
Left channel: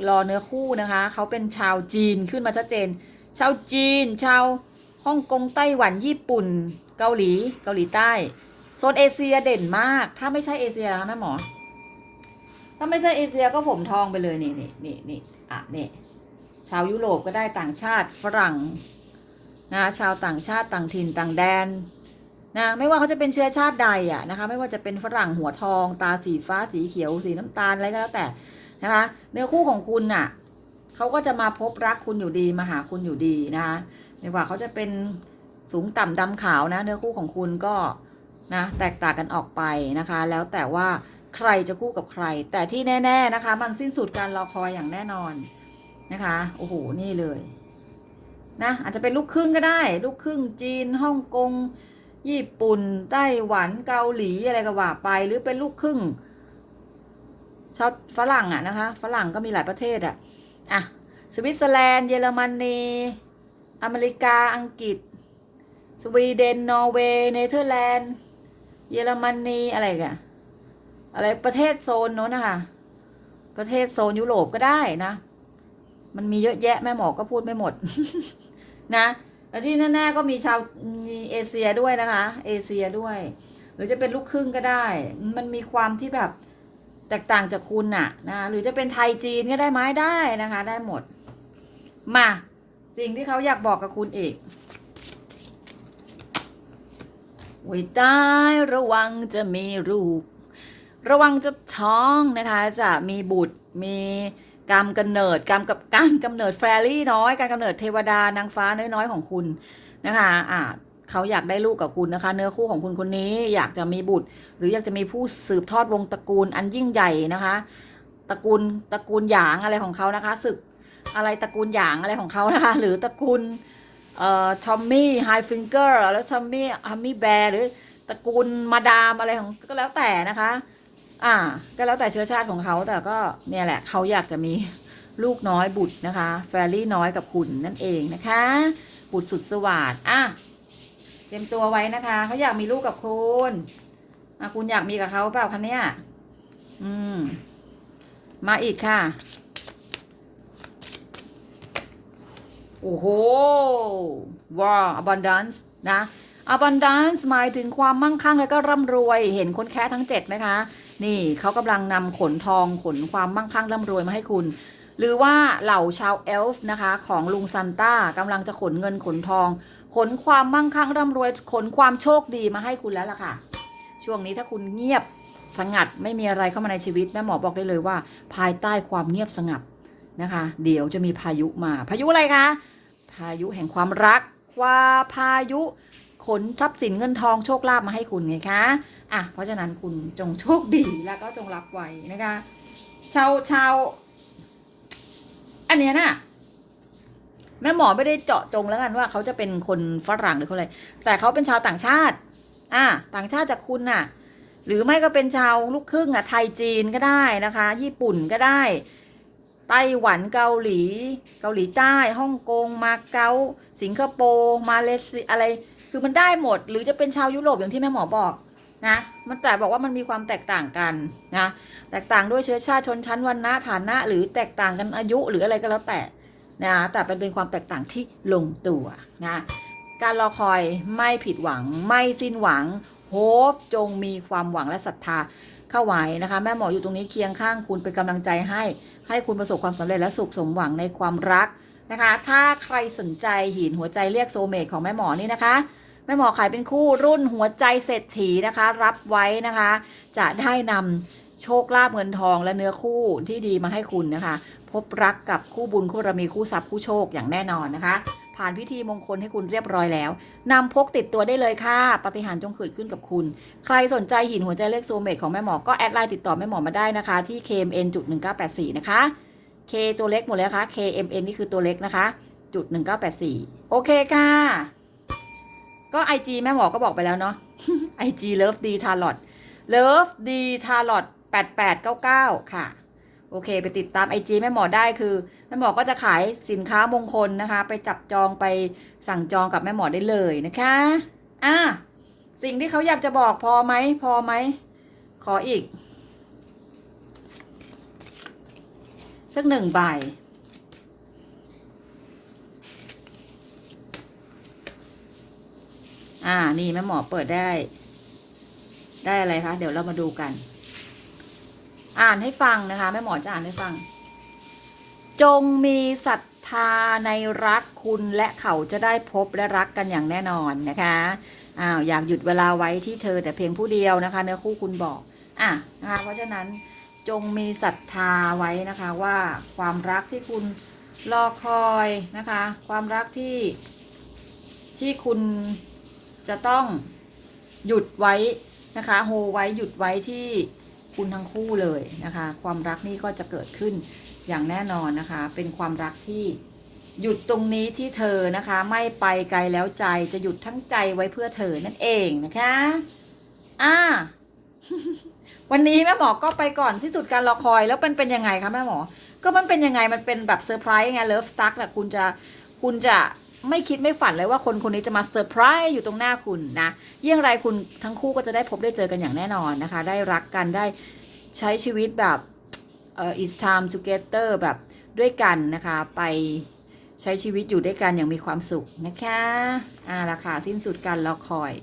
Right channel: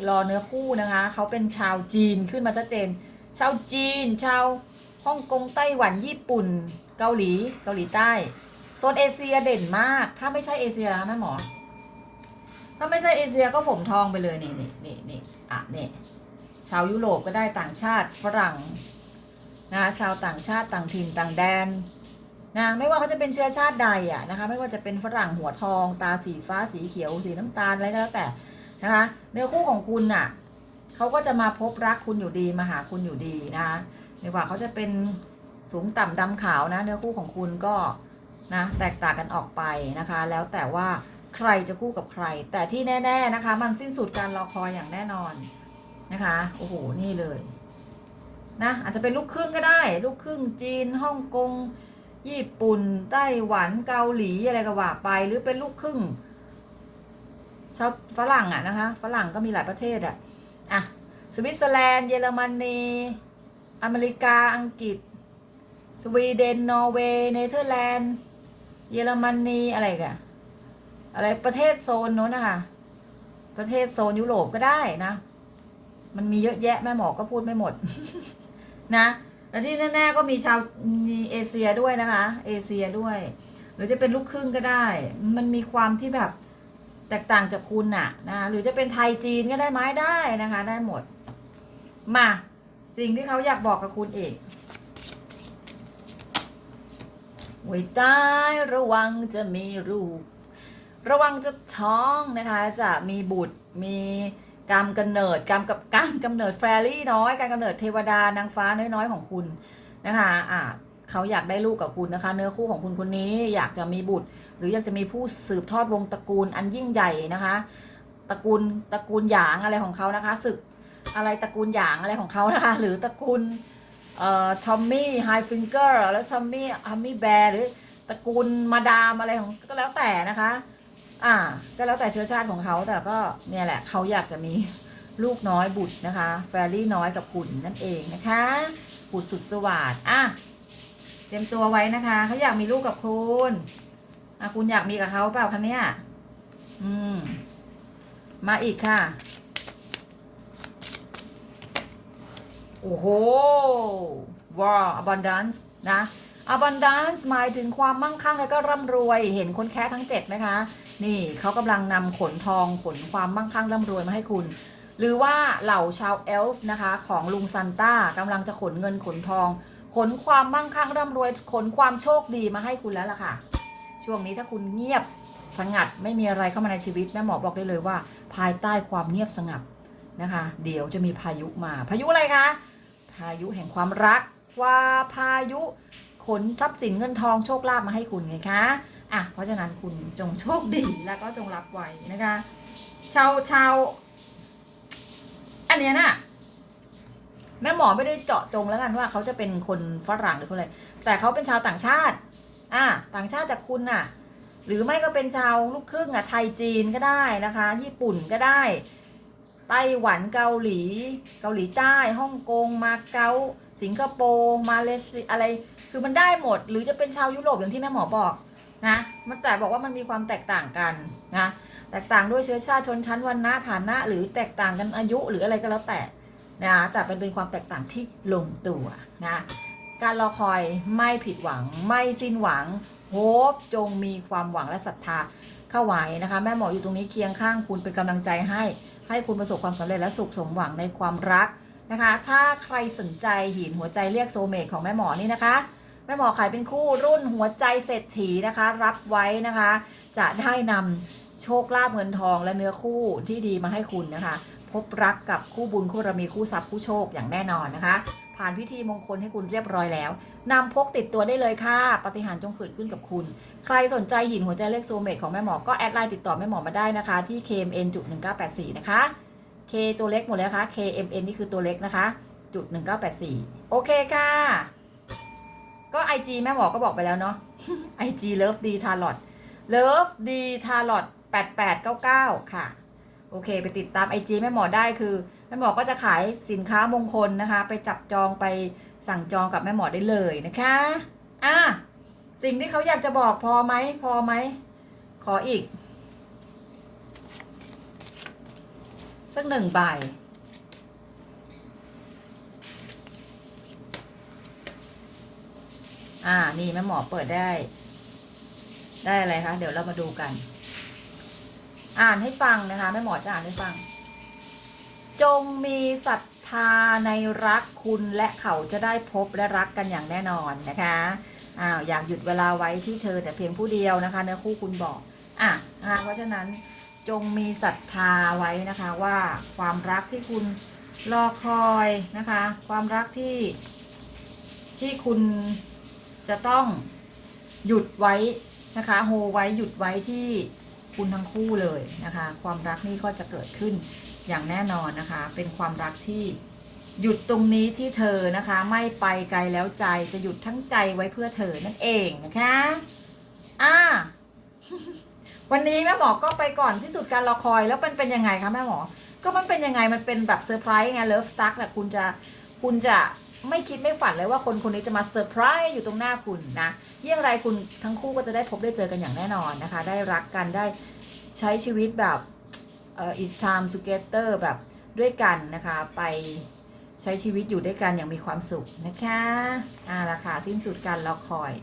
รอเนื้อคู่นะคะ เขาเป็นชาวจีนขึ้นมาชัดเจน ชาวจีน ชาวฮ่องกงไต้หวันญี่ปุ่น เกาหลีเกาหลีใต้โซนเอเชียเด่นมาก ถ้าไม่ใช่เอเชียนะแม่หมอ ถ้าไม่ใช่เอเชียก็ผมทองไปเลยนี่นี่นี่นี่อะนี่ชาวยุโรปก็ได้ต่างชาติฝรั่งนะชาวต่างชาติต่างถิ่นต่างแดนนะไม่ว่าเขาจะเป็นเชื้อชาติใดอะนะคะไม่ว่าจะเป็นฝรั่งหัวทอง ตาสีฟ้าสีเขียวสีน้ำตาลอะไรก็แล้วแต่นะคะเนื้อคู่ของคุณน่ะ เขาก็จะมาพบรักคุณอยู่ดีมาหาคุณอยู่ดีนะคะไม่ว่าเขาจะเป็นสูงต่ำดำขาวนะเนื้อคู่ของคุณก็นะแตกต่างกันออกไปนะคะ แล้วแต่ว่าใครจะคู่กับใคร แต่ที่แน่ ๆนะคะ มันสิ้นสุดการรอคอยอย่างแน่นอนนะคะโอ้โหนี่เลยนะอาจจะเป็นลูกครึ่งก็ได้ ลูกครึ่งจีนฮ่องกงญี่ปุ่นไต้หวันเกาหลีอะไรก็ว่าไป หรือเป็นลูกครึ่งชอบฝรั่งอะนะคะฝรั่งก็มีหลายประเทศอะ อะสวิตเซอร์แลนด์เยอรมนีอเมริกาอังกฤษ สวีเดนนอร์เวย์เนเธอร์แลนด์ เยอรมนีอะไรกันอะไรประเทศโซนโน้นนะคะประเทศโซนยุโรปก็ได้นะ มันมีเยอะแยะแม่หมอก็พูดไม่หมด นะแล้วที่แน่ๆก็มีชาวมีเอเชียด้วยนะคะ เอเชียด้วย หรือจะเป็นลูกครึ่งก็ได้ มันมีความที่แบบ แตกต่างจากคุณน่ะนะหรือจะเป็นไทยจีนก็ได้ไหมได้นะคะได้หมด มาสิ่งที่เขาอยากบอกกับคุณอีกไว้ใต้ระวังจะมีรูประวังจะท้องนะคะ จะมีบุตรมีกรรมกำเนิดกรรมกับการกำเนิดแฟรี่น้อย การกำเนิดเทวดานางฟ้าน้อยๆของคุณนะคะอ่า เขาอยากได้ลูกกับคุณนะคะ เนื้อคู่ของคุณคนนี้อยากจะมีบุตร หรืออยากจะมีผู้สืบทอดวงตระกูลอันยิ่งใหญ่นะคะตระกูลตระกูลหยางอะไรของเขานะคะศึกอะไรตระกูลหยางอะไรของเขานะคะ หรือตระกูลเอ่อทอมมี่ไฮฟิงเกอร์แล้วทอมมี่ฮัมมี่แบร์หรือตระกูลมาดามอะไรของก็แล้วแต่นะคะ อ่า ก็แล้วแต่เชื้อชาติของเขาแต่ก็เนี่ยแหละเขาอยากจะมีลูกน้อยบุตรนะคะ แฟรี่น้อยกับคุณนั่นเองนะคะบุตรสุดสวัสดิ์อะ ตรียมตัวไว้นะคะเขาอยากมีลูกกับคุณอะคุณอยากมีกับเขาเปล่าคะเนี่ย อืม มาอีกค่ะ โอ้โห ว้าว abundance นะ abundance หมายถึงความมั่งคั่งและก็ร่ำรวย เห็นคนแค่ทั้ง7ไหมคะ นี่เขากำลังนำขนทองขนความมั่งคั่งร่ำรวยมาให้คุณ หรือว่าเหล่าชาวเอลฟ์นะคะ ของลุงซันต้ากำลังจะขนเงินขนทอง ขนความมั่งคั่งร่ำรวย ขนความโชคดีมาให้คุณแล้วล่ะค่ะ ช่วงนี้ถ้าคุณเงียบสงัดไม่มีอะไรเข้ามาในชีวิตแม่หมอบอกได้เลยว่า ภายใต้ความเงียบสงัดนะคะ เดี๋ยวจะมีพายุมา พายุอะไรคะ พายุแห่งความรักว่าพายุขนทรัพย์สินเงินทองโชคลาภมาให้คุณไงคะอะเพราะฉะนั้นคุณจงโชคดีแล้วก็จงรับไว้นะคะ ชาวชาวอันเนี้ยน่ะ แม่หมอไม่ได้เจาะจงแล้วกันว่าเขาจะเป็นคนฝรั่งหรือคนอะไร แต่เขาเป็นชาวต่างชาติ อะต่างชาติจากคุณน่ะ หรือไม่ก็เป็นชาวลูกครึ่งอะ ไทยจีนก็ได้นะคะ ญี่ปุ่นก็ได้ ไต้หวันเกาหลี เกาหลีใต้ ฮ่องกง มาเก๊า สิงคโปร์ มาเลเซีย อะไร คือมันได้หมด หรือจะเป็นชาวยุโรปอย่างที่แม่หมอบอกนะ มันแต่บอกว่ามันมีความแตกต่างกันนะ แตกต่างด้วยเชื้อชาติชนชั้นวรรณะฐานะ หรือแตกต่างกันอายุหรืออะไรก็แล้วแต่ นะแต่เป็นเป็นความแตกต่างที่ลงตัวนะการรอคอยไม่ผิดหวังไม่สิ้นหวังโฮปจงมีความหวังและศรัทธาเข้าไว้นะคะ แม่หมออยู่ตรงนี้เคียงข้างคุณเป็นกำลังใจให้ ให้คุณประสบความสำเร็จและสุขสมหวังในความรักนะคะ ถ้าใครสนใจหินหัวใจเรียกโซเมตของแม่หมอนี่นะคะแม่หมอขายเป็นคู่รุ่นหัวใจเศรษฐีนะคะ รับไว้นะคะ จะได้นำโชคลาภเงินทองและเนื้อคู่ที่ดีมาให้คุณนะคะ บรักกับคู่บุญคู่บารมีคู่ทรัพย์คู่โชคอย่างแน่นอนนะคะ ผ่านพิธีมงคลให้คุณเรียบร้อยแล้วนำพกติดตัวได้เลยค่ะปฏิหารจงเกิดขึ้นกับคุณ ใครสนใจหินหัวใจเลขโซเมตของแม่หมอก็แอดไลน์ติดต่อแม่หมอมาได้นะคะ ที่ KMN จุด1984 นะคะ K ตัวเล็กหมดเลยนะคะ KMN นี่คือตัวเล็กนะคะจุด1984 โอเคค่ะก็ IG แม่หมอก็บอกไปแล้วเนาะ IG Love D Tarot Love D Tarot 8899 ค่ะ โอเค ไปติดตาม IG แม่หมอได้คือแม่หมอก็จะขายสินค้ามงคลนะคะ ไปจับจองไปสั่งจองกับแม่หมอได้เลยนะคะอะสิ่งที่เขาอยากจะบอกพอไหมพอไหมขออีกสักหนึ่งใบอ่า นี่แม่หมอเปิดได้ ได้อะไรคะ เดี๋ยวเรามาดูกัน อ่านให้ฟังนะคะแม่หมอจะอ่านให้ฟัง จงมีศรัทธาในรักคุณและเขาจะได้พบและรักกันอย่างแน่นอนนะคะอ้าวอยากหยุดเวลาไว้ที่เธอแต่เพียงผู้เดียวนะคะ เนื้อคู่คุณบอกอะนะคะเพราะฉะนั้นจงมีศรัทธาไว้นะคะว่าความรักที่คุณรอคอยนะคะ ความรักที่ที่คุณจะต้องหยุดไว้นะคะโฮไว้หยุดไว้ที่ คุณทั้งคู่เลยนะคะ ความรักนี่ก็จะเกิดขึ้นอย่างแน่นอนนะคะ เป็นความรักที่หยุดตรงนี้ที่เธอนะคะ ไม่ไปไกลแล้วใจจะหยุดทั้งใจไว้เพื่อเธอนั่นเองนะคะอ่าวันนี้แม่หมอก็ไปก่อนที่สุดการรอคอยแล้วมันเป็นยังไงคะแม่หมอ ก็มันเป็นยังไงมันเป็นแบบเซอร์ไพรส์ไงเลิฟสตั๊กแหละคุณจะคุณจะ ไม่คิดไม่ฝันเลยว่าคนคนนี้จะมาเซอร์ไพรส์อยู่ตรงหน้าคุณนะเยี่ยงไรคุณทั้งคู่ก็จะได้พบได้เจอกันอย่างแน่นอนนะคะ ได้รักกันได้ใช้ชีวิตแบบเอ่อ is time together แบบด้วยกันนะคะ ไปใช้ชีวิตอยู่ด้วยกันอย่างมีความสุขนะคะอ่าละค่ะสิ้นสุดการรอคอย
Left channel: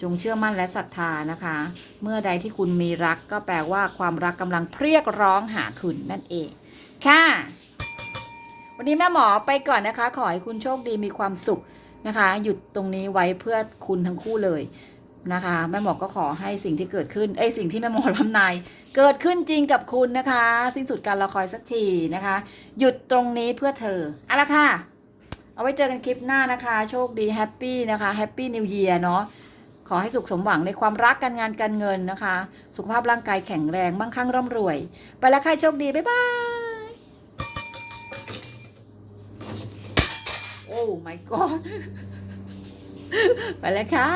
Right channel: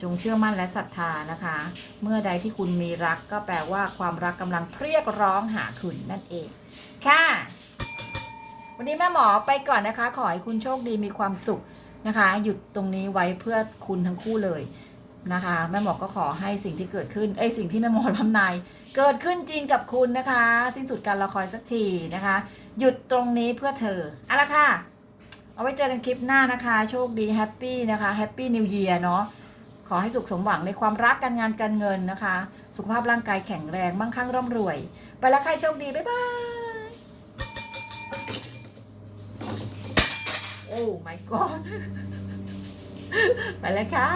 จงเชื่อมั่นและศรัทธานะคะ เมื่อใดที่คุณมีรักก็แปลว่าความรักกำลังเพรียกร้องหาคุณนั่นเอง ค่ะ วันนี้แม่หมอไปก่อนนะคะ ขอให้คุณโชคดีมีความสุขนะคะ หยุดตรงนี้ไว้เพื่อคุณทั้งคู่เลยนะคะ แม่หมอก็ขอให้สิ่งที่เกิดขึ้น เอ้ยสิ่งที่แม่หมอทำนายเกิดขึ้นจริงกับคุณนะคะ สิ้นสุดการรอคอยสักทีนะคะ หยุดตรงนี้เพื่อเธอเอาละค่ะ เอาไว้เจอกันคลิปหน้านะคะ โชคดีแฮปปี้นะคะแฮปปี้นิวเยียร์เนาะขอให้สุขสมหวังในความรักการงานการเงินนะคะ สุขภาพร่างกายแข็งแรงมั่งคั่งร่ำรวย ไปแล้วค่ะโชคดี บ๊ายบาย โอ้ my god ไปแล้วค่ะ